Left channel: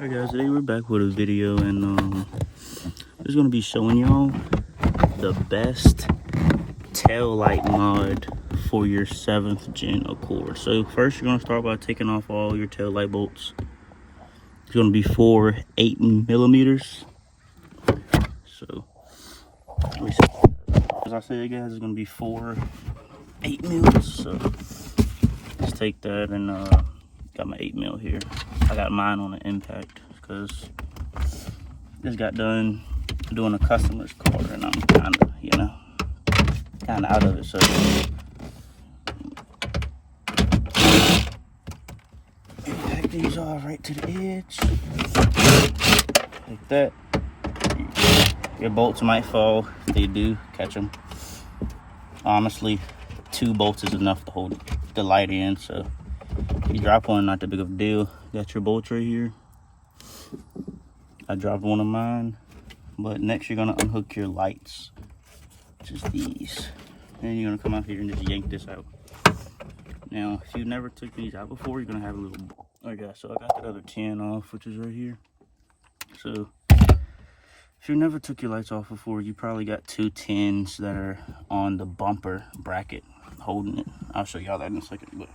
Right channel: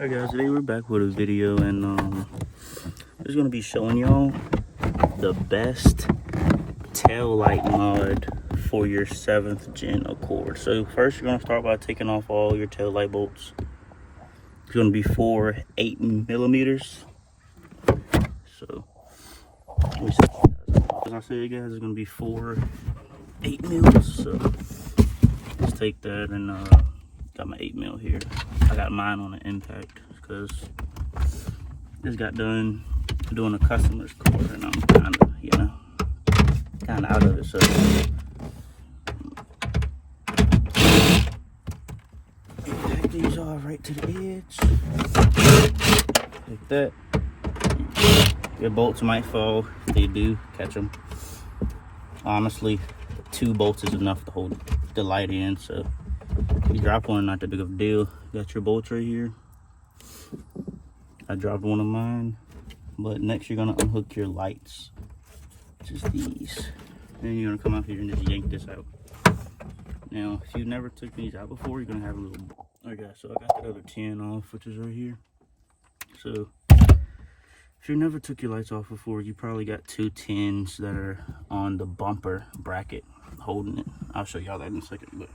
Alright guys, today we're back with a video, and it's gonna be showing y'all the best tail light mod for your 7th gen Accord. So first you're gonna start by taking off all your tail light bolts. It's gonna be 4 8mm. So let me see. As I said guys, it's gonna be 4 8mm. So let's take that, and got my 8mm here. I got mine on the impact because just got done doing a customer's car, and I'm kind of out of it. So back these off right to the edge like that. Your bolts might fall. If they do, catch them. Honestly, 2 bolts is enough to hold the light in, so if you drop one, not that big of a deal. Got your bolts right here. I dropped one of mine, but next you're gonna unhook your lights, which is these. Then you're gonna come out here and just yank this out. Now, if you never took these out before, you're gonna have a little. Okay, so I got that other 10 off, which is right here. So if you never took your lights off before, you probably got 2 10s that are on the bumper bracket holding it. I'll show y'all that in a second, but.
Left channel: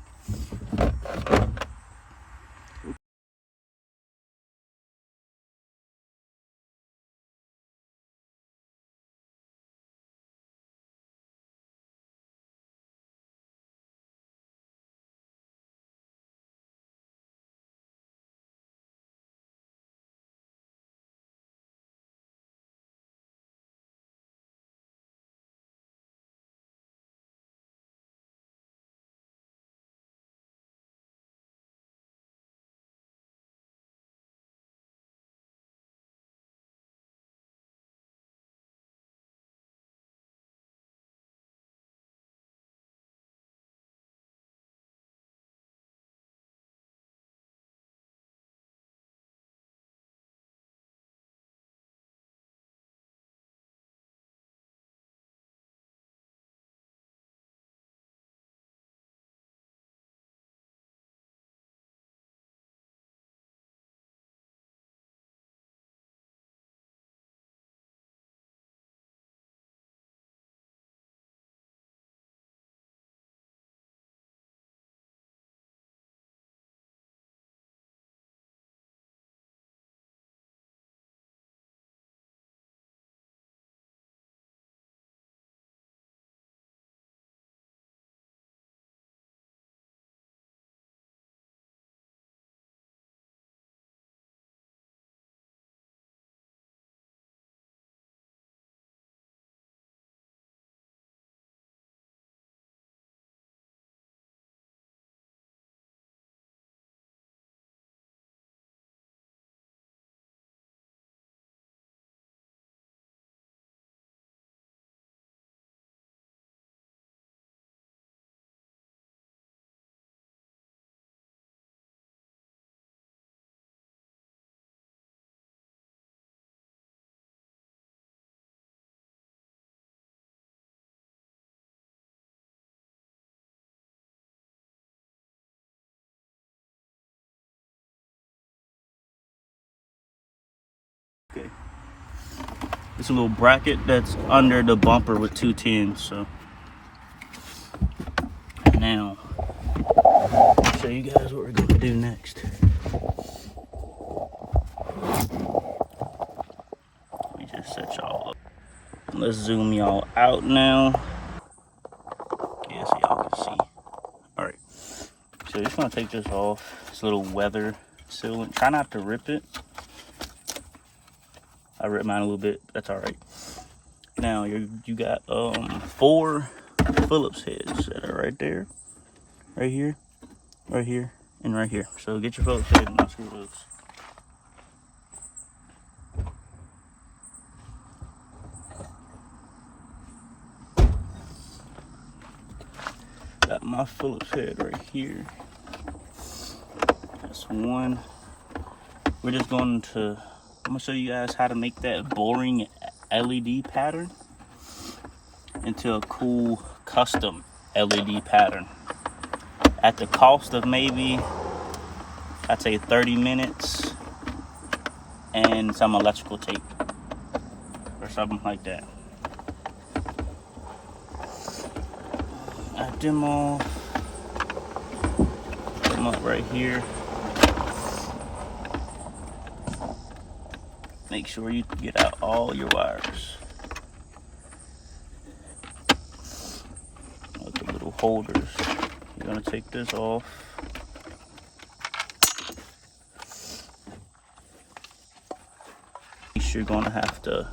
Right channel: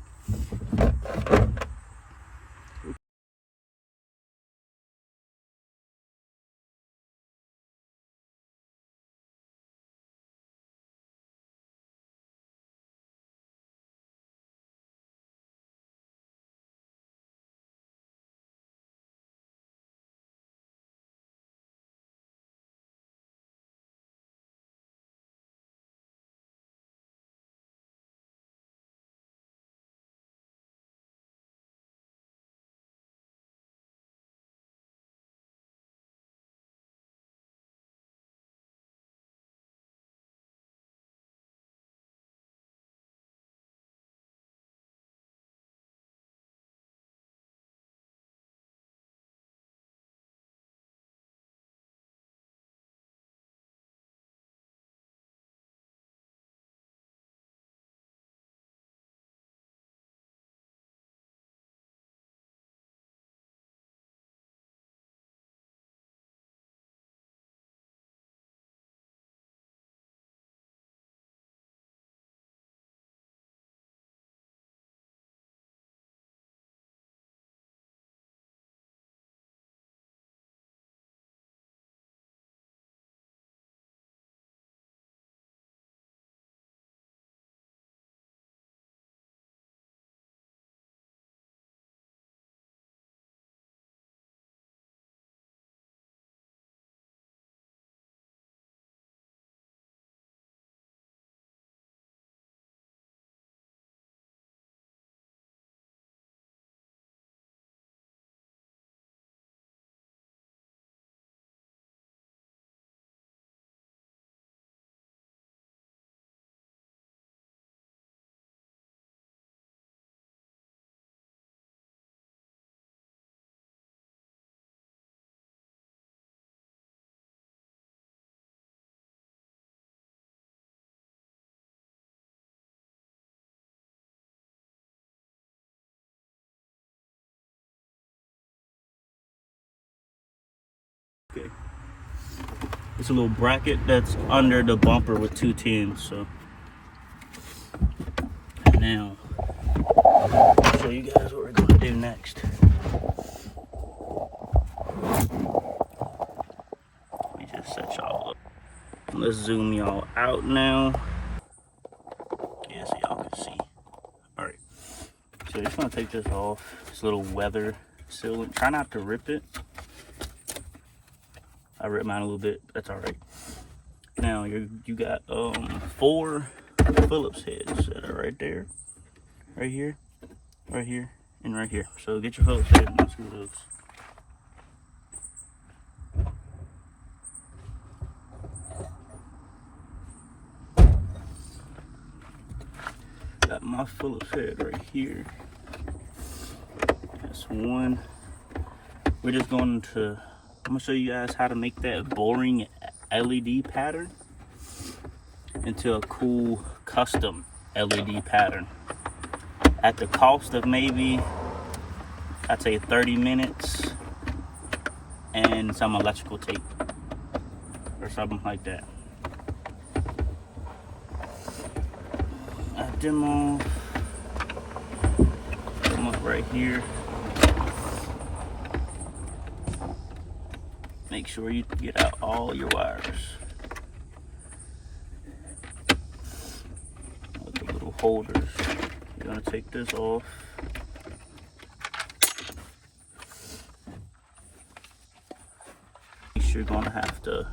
Okay. It's a little bracket that's under the bumper with 2 10s. So now I'll show you guys what we're gonna do next. Let me just set y'all up. Let's zoom y'all out now. Yeah, so y'all can see. Alright. So you're just gonna take this off. This little weather sealant. Try not to rip it. I ripped mine a little bit. That's alright. Now you got 4 Phillips heads that are right there, right here, and right here. So get your Phillips head and unscrew those. Got my Phillips head right here. That's one. We're just going to. I'm gonna show you guys how to make that boring LED pattern into a cool custom LED pattern at the cost of maybe, I'd say 30 minutes and some electrical tape or something like that. I demo them up right here. Make sure you get out all your wires. Like the little holders. You're gonna take this off. You're gonna have to,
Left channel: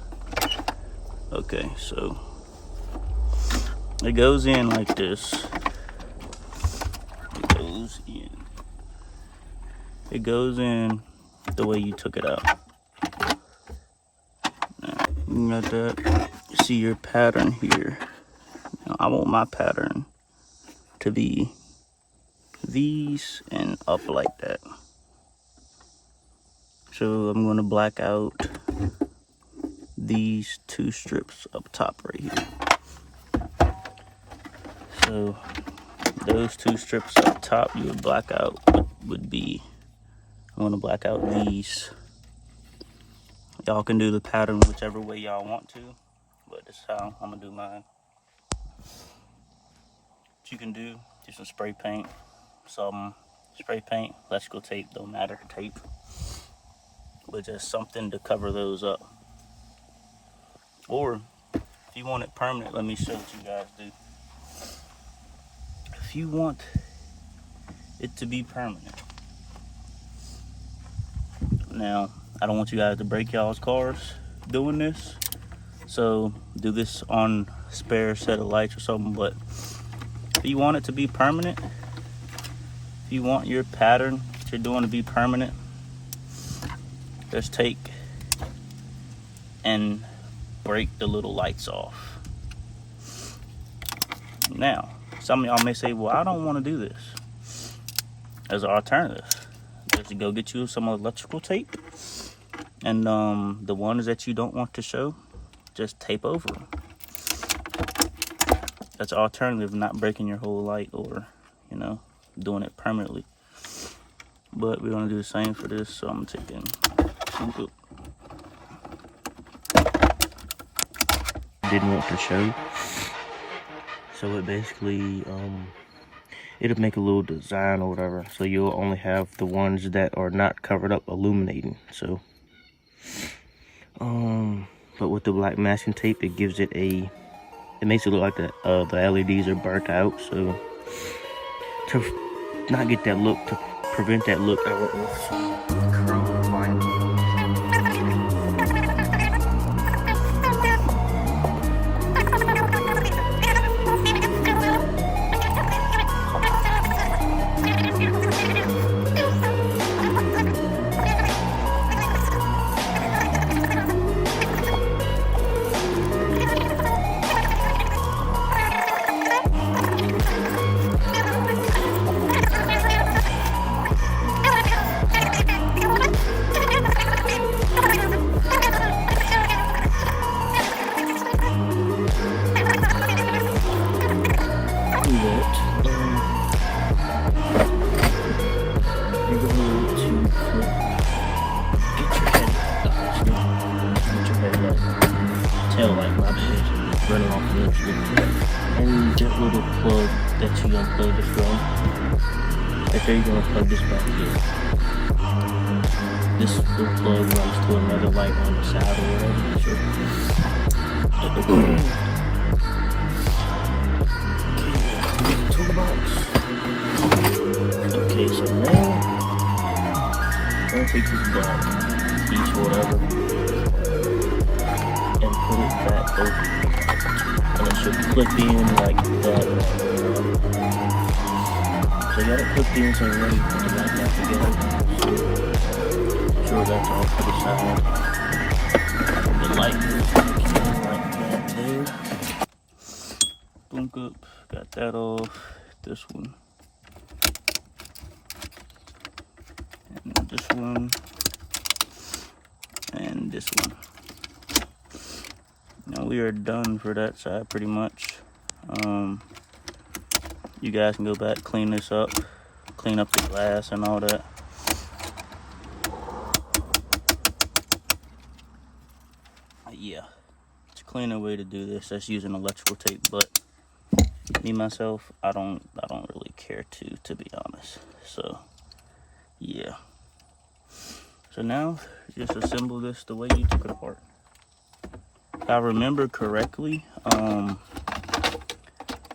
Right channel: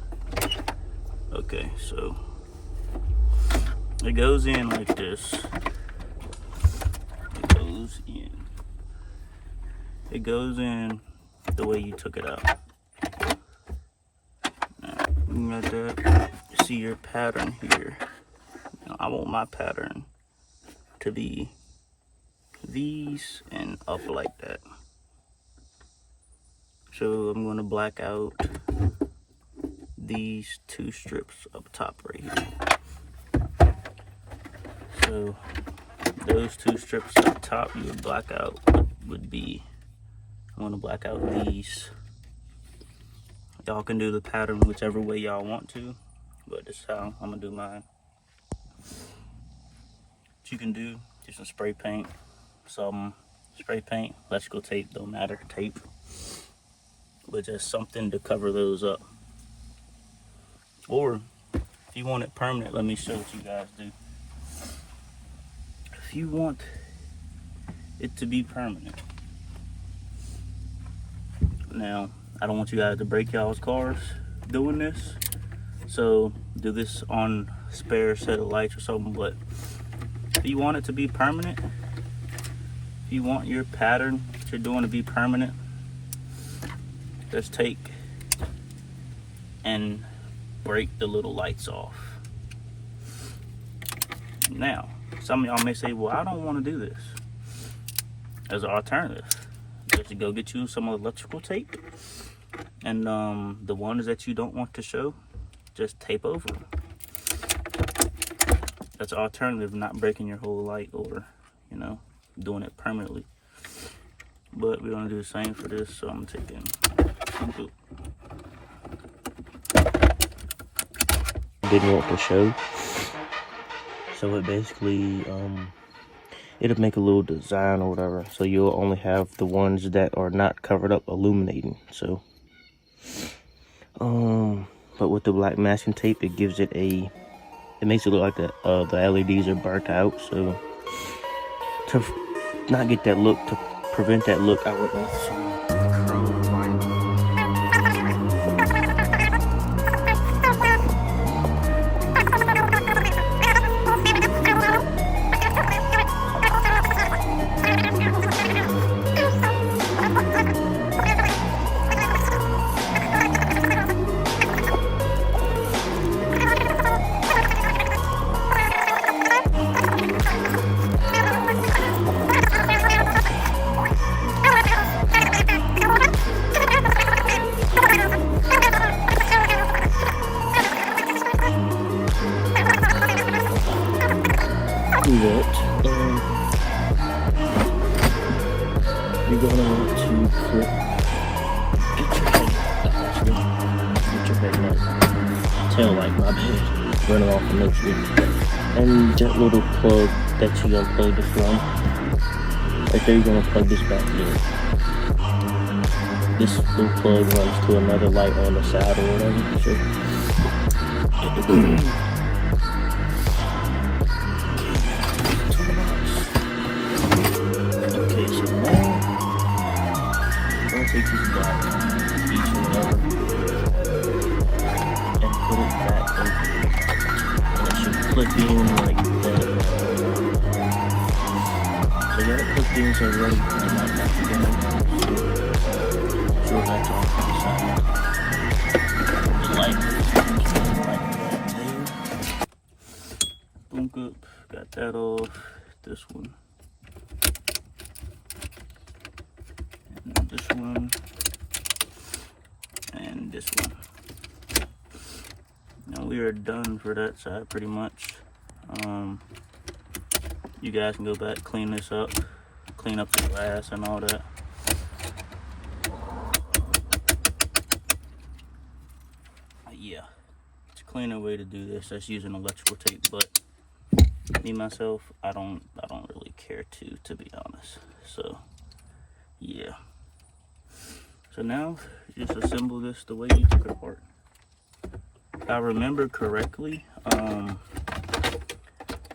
okay, so it goes in like this. It goes in the way you took it out. Now, you got that. You see your pattern here. Now, I want my pattern to be these and up like that. So I'm going to black out these two strips up top right here. So those two strips up top you black out would be, I'm going to black out these. Y'all can do the pattern whichever way y'all want to, but this is how I'm going to do mine. What you can do some spray paint, electrical tape, don't matter, tape. But just something to cover those up. Or if you want it permanent, let me show what you guys do. If you want it to be permanent, now I don't want you guys to break y'all's cars doing this, so do this on a spare set of lights or something. But if you want it to be permanent, if you want your pattern that you're doing to be permanent, just take and break the little lights off. Now, some of y'all may say, well, I don't want to do this. As an alternative, just go get you some electrical tape, and the ones that you don't want to show, just tape over them. That's an alternative, not breaking your whole light or, you know, doing it permanently. But we're going to do the same for this, so I'm taking didn't want to show, so it basically it'll make a little design or whatever, so you'll only have the ones that are not covered up illuminating. So but with the black masking tape, it gives it it makes it look like the LEDs are burnt out. So to not get that look, to prevent that look, I went with some curl line. You're gonna want to clip, get your head taillight, my bad, running off the next video. And that little plug that you unplug this from, right there, you're gonna plug this back in. This little plug runs to another light on the side or whatever. Okay, so now take this black piece or whatever and put it back over, and it should clip in like that. So you got it clipped in, so you're ready to put the light back together. Sure, that's all to the side. The light is like that there. Boom, up, got that off. This one. This one and this one. Now we are done for that side pretty much. You guys can go back, clean this up, clean up the glass and all that. cleaner way to do this. That's using electrical tape, but me myself, I don't really care to be honest. So yeah. So now just assemble this the way you took it apart. If I remember correctly,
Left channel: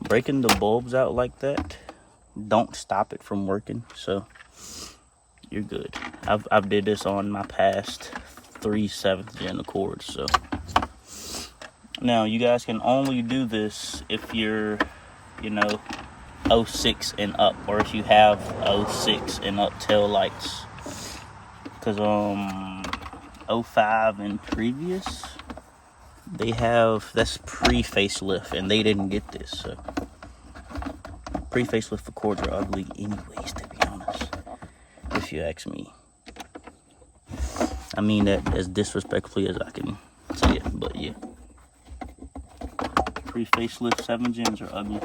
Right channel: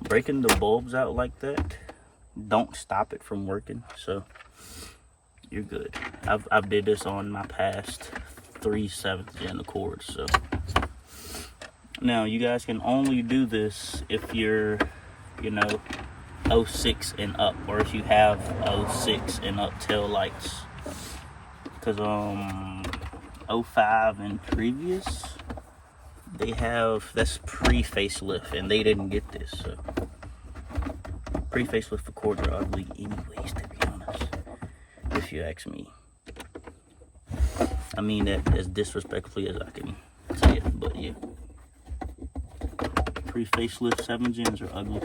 breaking the bulbs out like that don't stop it from working, so you're good. I've did this on my past 3 7th gen Accords. So now you guys can only do this if you're, you know, 06 and up, or if you have 06 and up tail lights, because 05 and previous, they have, that's pre-facelift, and they didn't get this. So pre-facelift Accords are ugly anyways, to be honest, if you ask me. I mean that as disrespectfully as I can say it, but yeah. Pre-facelift 7 gens are ugly,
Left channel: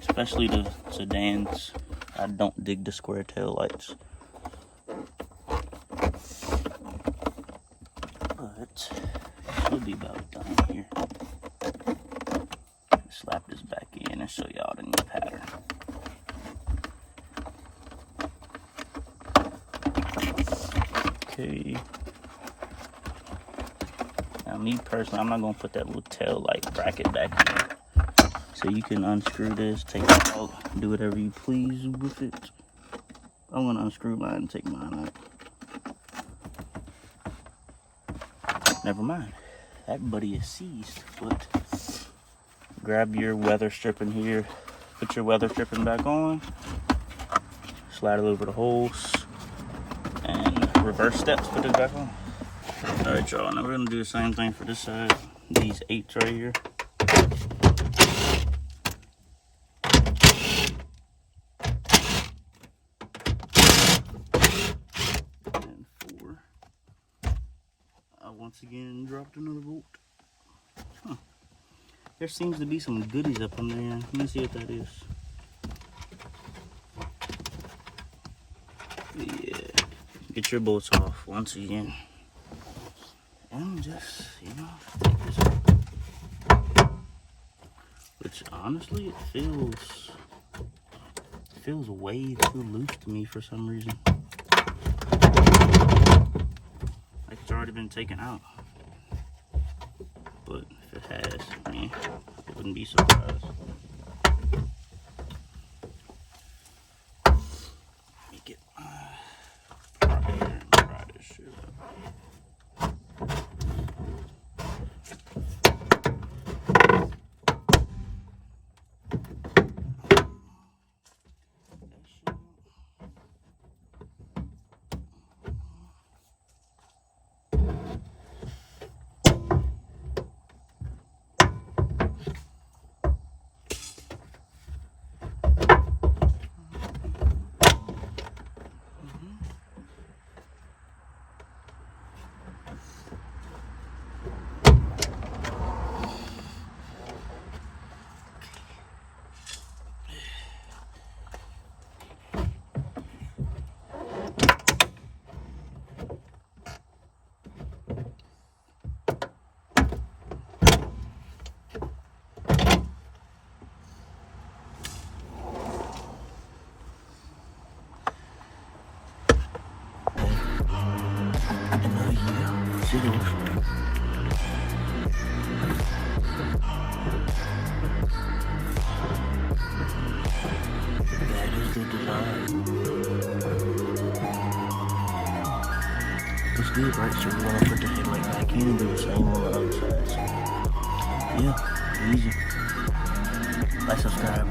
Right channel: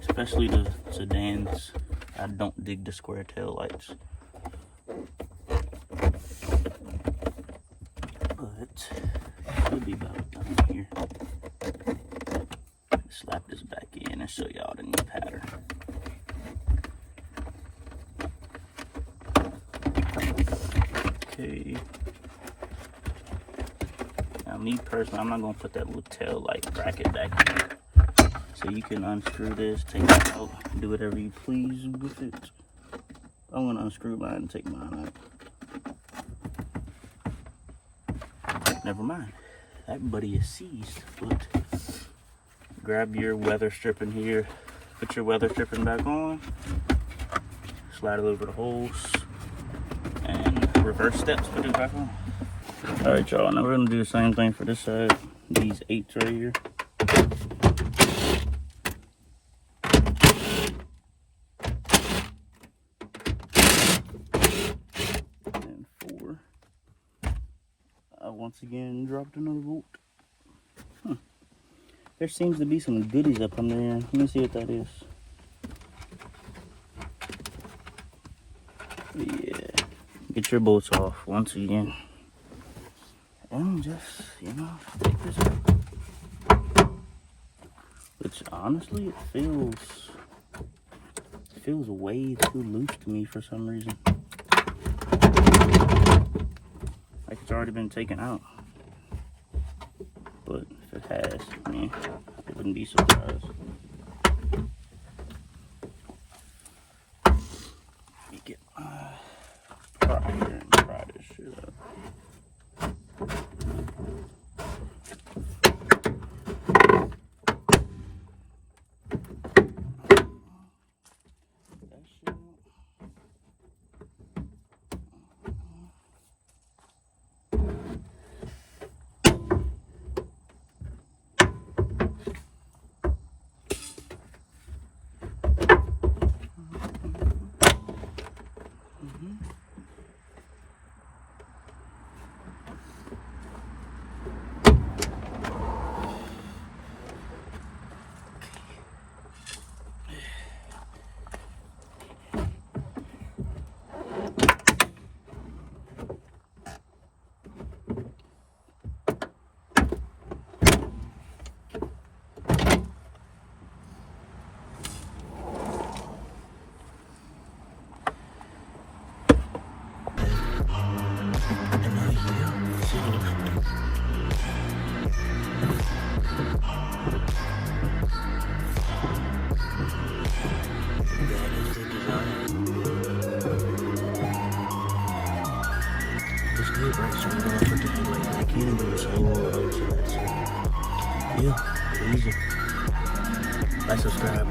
especially the sedans. I don't dig the square tail lights. But should be about done here. Slap this back in and show y'all the new pattern. Okay. Now me personally, I'm not gonna put that little tail light bracket back in. So you can unscrew this, take it out, do whatever you please with it. I'm gonna unscrew mine and take mine out. Never mind, that buddy is seized. But grab your weather stripping here, put your weather stripping back on, slide it over the holes, and reverse steps, put it back on. All right, y'all, now we're gonna do the same thing for this side. These 8s right here. And 4. I once again dropped another bolt. There seems to be some goodies up on there. Let me see what that is. Yeah, get your bolts off once again. And just, you know, take this out. Which honestly, it feels way too loose to me for some reason. Like it's already been taken out. But if it has, I mean, I wouldn't be surprised. Let me get my prop here and pry this shit up. Yeah, easy. Like, subscribe.